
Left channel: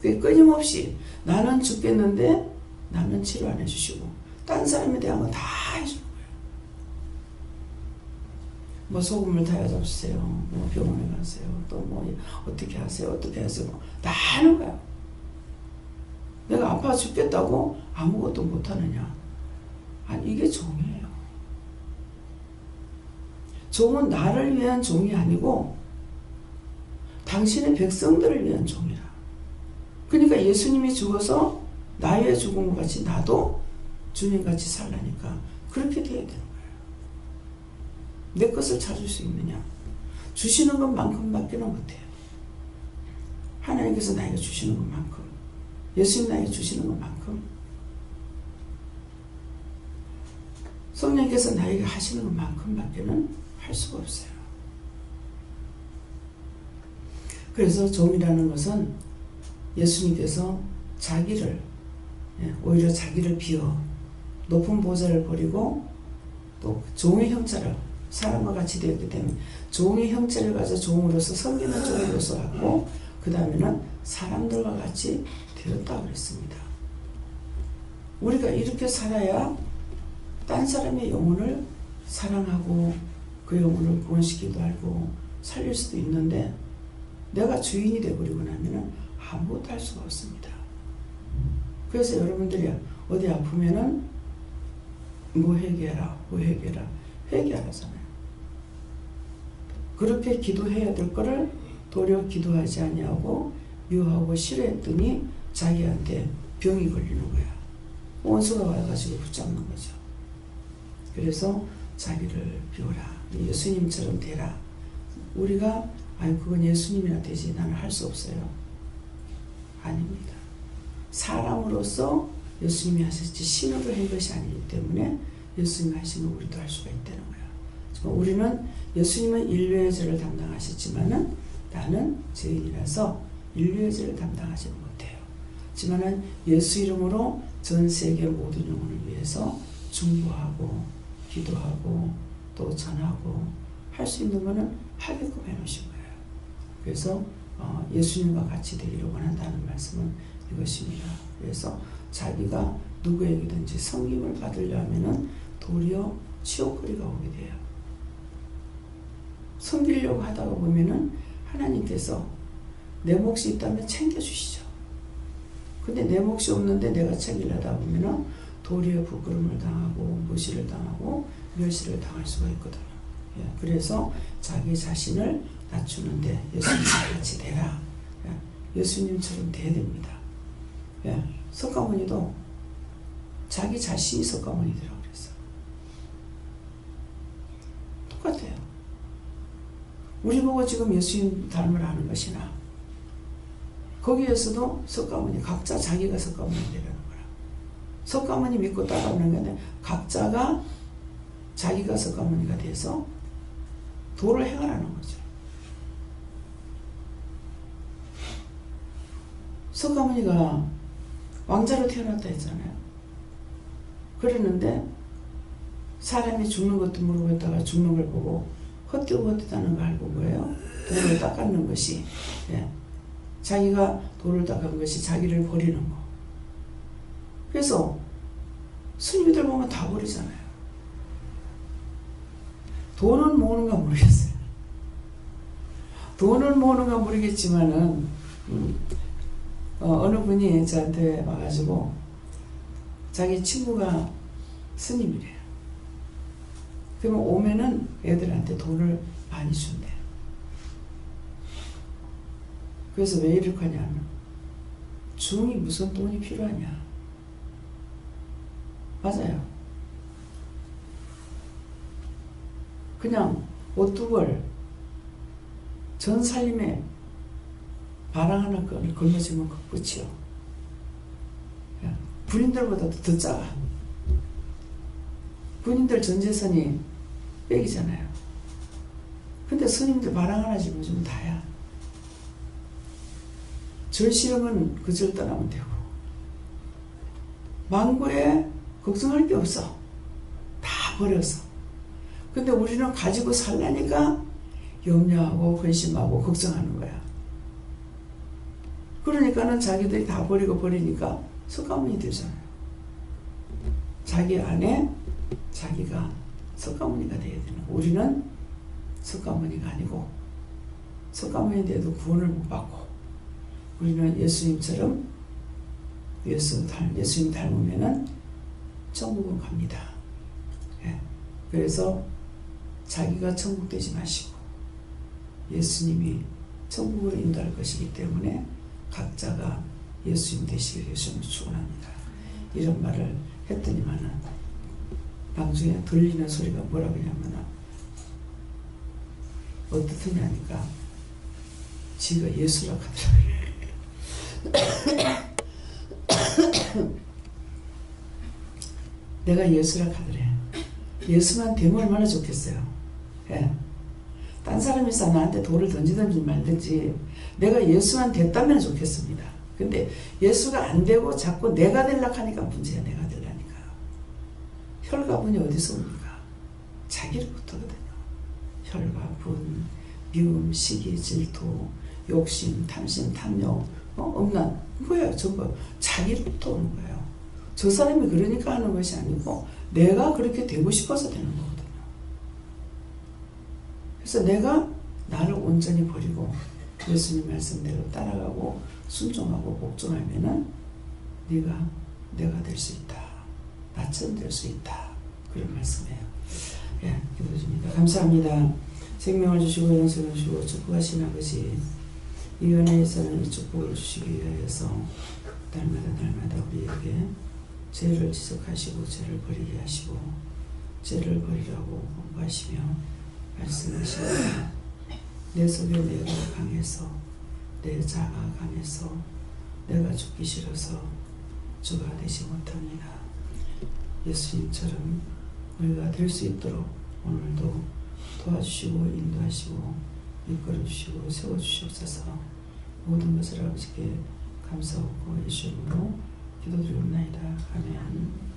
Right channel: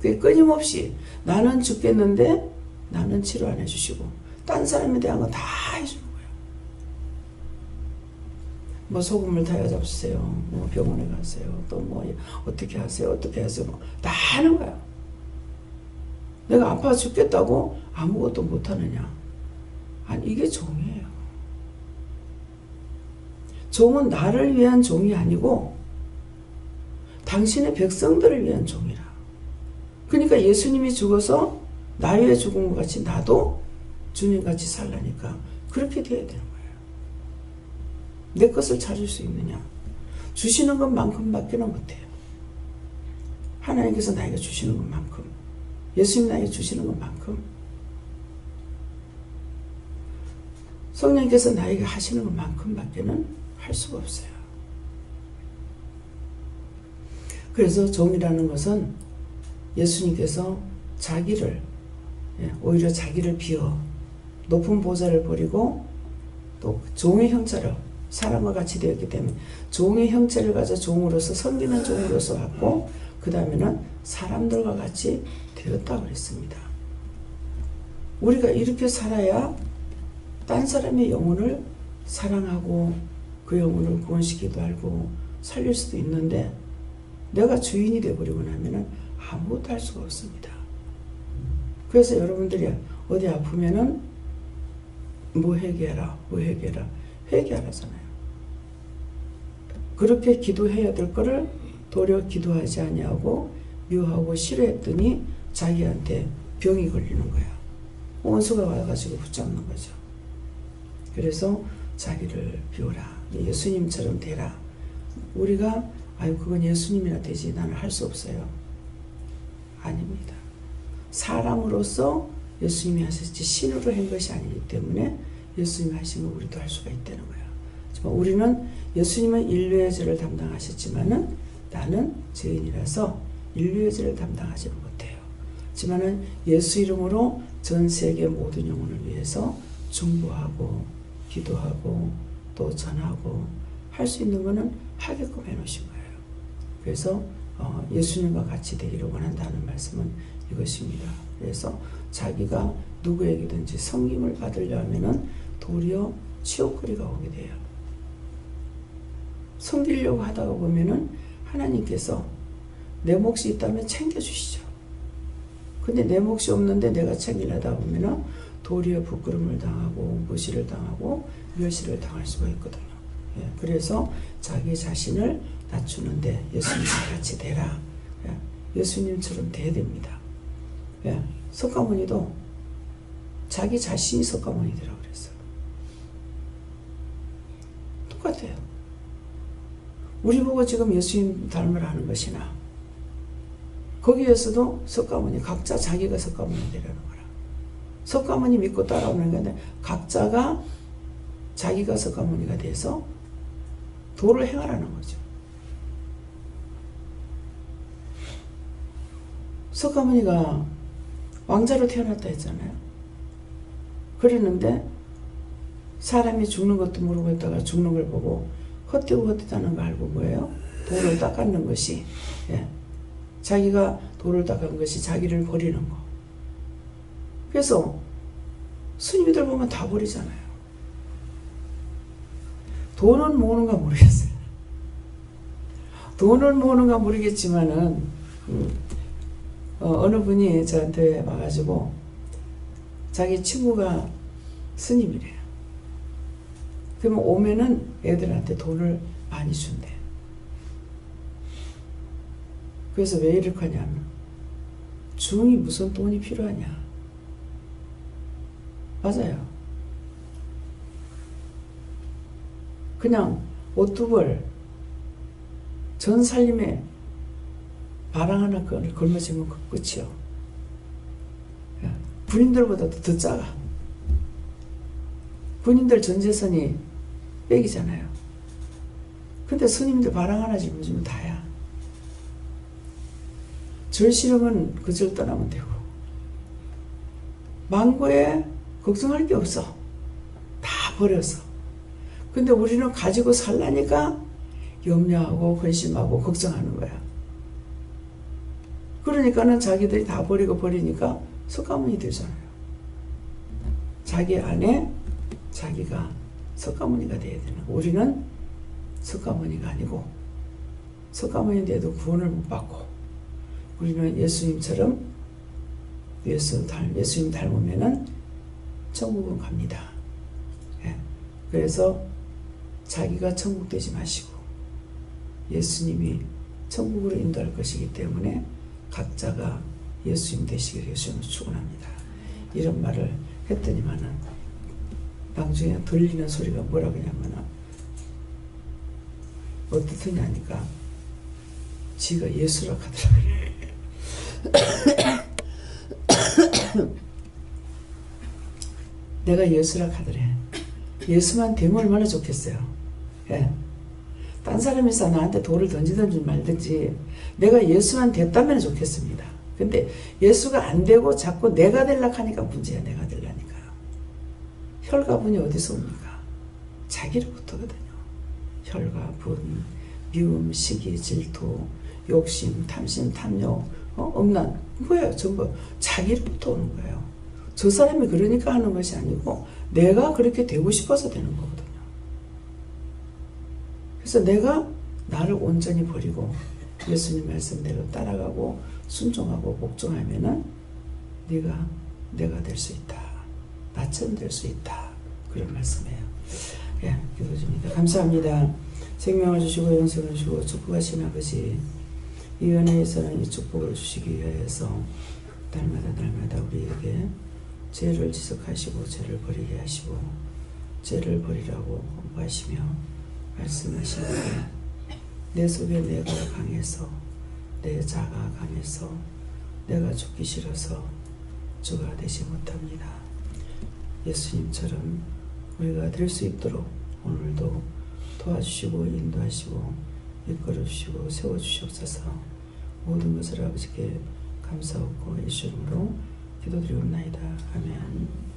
그게 끊임없이 나는 죽겠는데 나는 치료 안 해주시고 딴 사람에 대한 건 다 해주는 거예요. 뭐 소금을 타야 잡수세요. 뭐 병원에 가세요. 또 뭐 어떻게 하세요. 어떻게 하세요. 뭐 다 하는 거예요. 내가 아파 죽겠다고 아무것도 못하느냐. 아니 이게 종이에요. 종은 나를 위한 종이 아니고 당신의 백성들을 위한 종이라. 그러니까 예수님이 죽어서 나 위해 죽은 것 같이 나도 주님같이 살라니까 그렇게 돼야 되는 거예요. 내 것을 찾을 수 있느냐? 주시는 것만큼밖에는 못해요. 하나님께서 나에게 주시는 것만큼, 예수님 나에게 주시는 것만큼, 성령께서 나에게 하시는 것만큼밖에는 할 수가 없어요. 그래서 종이라는 것은 예수님께서 자기를, 오히려 자기를 비워 높은 보좌를 버리고 또 종의 형체를, 사람과 같이 되었기 때문에 종의 형체를 가져 종으로서 섬기는 종으로서 왔고 그 다음에는 사람들과 같이 되었다고 그랬습니다. 우리가 이렇게 살아야 딴 사람의 영혼을 사랑하고 그 영혼을 구원시키기도 하고 살릴 수도 있는데 내가 주인이 되어버리고 나면은 아무것도 할 수가 없습니다. 그래서 여러분들이 어디 아프면은 뭐 회개해라, 뭐 회개해라, 회개하라잖아요. 그렇게 기도해야 될 거를 도리어 기도하지 아니하고 미워하고 싫어했더니 자기한테 병이 걸리는 거야. 원수가 와가지고 붙잡는 거죠. 그래서 자기를 비워라. 예수님처럼 되라. 우리가 아유 그건 예수님이나 되지 나는 할 수 없어요. 아닙니다. 사람으로서 예수님이 하셨지 신으로 한 것이 아니기 때문에 예수님이 하신 거 우리도 할 수가 있다는 거야. 하지만 우리는 예수님은 인류의 죄를 담당하셨지만은 나는 죄인이라서 인류의 죄를 담당하지는 못해요. 하지만은 예수 이름으로 전 세계 모든 영혼을 위해서 중보하고 기도하고 또 전하고 할 수 있는 거는 하게끔 해놓으신 거예요. 그래서 예수님과 같이 되기를 원한다는 말씀은 이것입니다. 그래서 자기가 누구에게든지 섬김을 받으려면은 도리어 치욕거리가 오게 돼요. 섬기려고 하다가 보면은 하나님께서 내 몫이 있다면 챙겨주시죠. 근데 내 몫이 없는데 내가 챙기려다 보면은 도리어 부끄러움을 당하고 무시를 당하고 멸시를 당할 수가 있거든요. 예, 그래서 자기 자신을 낮추는데 예수님과 같이 되라. 예, 예수님처럼 돼야 됩니다. 예, 석가모니도 자기 자신이 석가모니 되라고 그랬어요. 똑같아요. 우리 보고 지금 예수님 닮으라 하는 것이나 거기에서도 석가모니 각자 자기가 석가모니 되라는 거라. 석가모니 믿고 따라오는 건데 각자가 자기가 석가모니가 돼서 도를 행하라는 거죠. 석가모니가 왕자로 태어났다 했잖아요. 그랬는데 사람이 죽는 것도 모르고 있다가 죽는 걸 보고 헛되고 헛되다는 걸 알고 뭐예요? 돌을 닦는 것이, 예. 자기가 돌을 닦은 것이 자기를 버리는 거. 그래서 스님들 보면 다 버리잖아요. 돈은 모으는가 모르겠어요. 돈을 모으는가 모르겠지만은 어느 분이 저한테 와가지고 자기 친구가 스님이래요. 그러면 오면은 애들한테 돈을 많이 준대. 그래서 왜 이렇게 하냐면 중이 무슨 돈이 필요하냐. 맞아요. 그냥 옷 두 벌 전 살림에 바랑 하나 걸머지면 끝이요. 군인들보다도 더 작아. 군인들 전 재산이 빽이잖아요. 근데 스님들 바랑 하나 짊어지면 다야. 절 싫으면 그 절 떠나면 되고 망고에 걱정할 게 없어. 다 버려서. 근데 우리는 가지고 살라니까 염려하고 근심하고 걱정하는 거야. 그러니까는 자기들이 다 버리니까 석가모니 되잖아요. 자기 안에 자기가 석가모니가 돼야 되는 거야. 우리는 석가모니가 아니고 석가모니 돼도 구원을 못 받고 우리는 예수님처럼 예수님 닮으면은 천국은 갑니다. 예. 그래서 자기가 천국 되지 마시고 예수님이 천국으로 인도할 것이기 때문에 각자가 예수님 되시기를 예수님을 축원합니다. 이런 말을 했더니만은 나중에 들리는 소리가 뭐라고 하냐면은 어떻더냐 하니까 지가 예수라 하더라고요. 내가 예수라 하더래. 예수만 되면 얼마나 좋겠어요. 예. 딴 사람이서 나한테 돌을 던지든지 말든지 내가 예수만 됐다면 좋겠습니다. 근데 예수가 안 되고 자꾸 내가 되려고 하니까 문제야. 내가 되려니까요. 혈과 분이 어디서 옵니까? 자기로부터 거든요. 혈과 분, 미움, 시기, 질투, 욕심, 탐심, 탐욕, 음란, 뭐예요? 전부 자기로부터 오는 거예요. 저 사람이 그러니까 하는 것이 아니고 내가 그렇게 되고 싶어서 되는 거거든요. 그래서 내가 나를 온전히 버리고 예수님 말씀대로 따라가고 순종하고 복종하면은 내가 될 수 있다. 나처럼 될 수 있다. 그런 말씀이에요. 예, 기도 드립니다. 감사합니다. 생명을 주시고 영생을 주시고 축복하신 아버지, 이 은혜에서는 이 축복을 주시기 위하여서 날마다 우리에게 죄를 지적하시고 죄를 버리게 하시고 죄를 버리라고 홍보하시며 말씀하시는 내 속에 내가 강해서 내 자가 강해서 내가 죽기 싫어서 주가 되지 못합니다. 예수님처럼 우리가 될 수 있도록 오늘도 도와주시고 인도하시고 이끌어주시고 세워주시옵소서. 모든 것을 아버지께 감사하고 예수 이름으로 기도드리옵나이다. 아멘.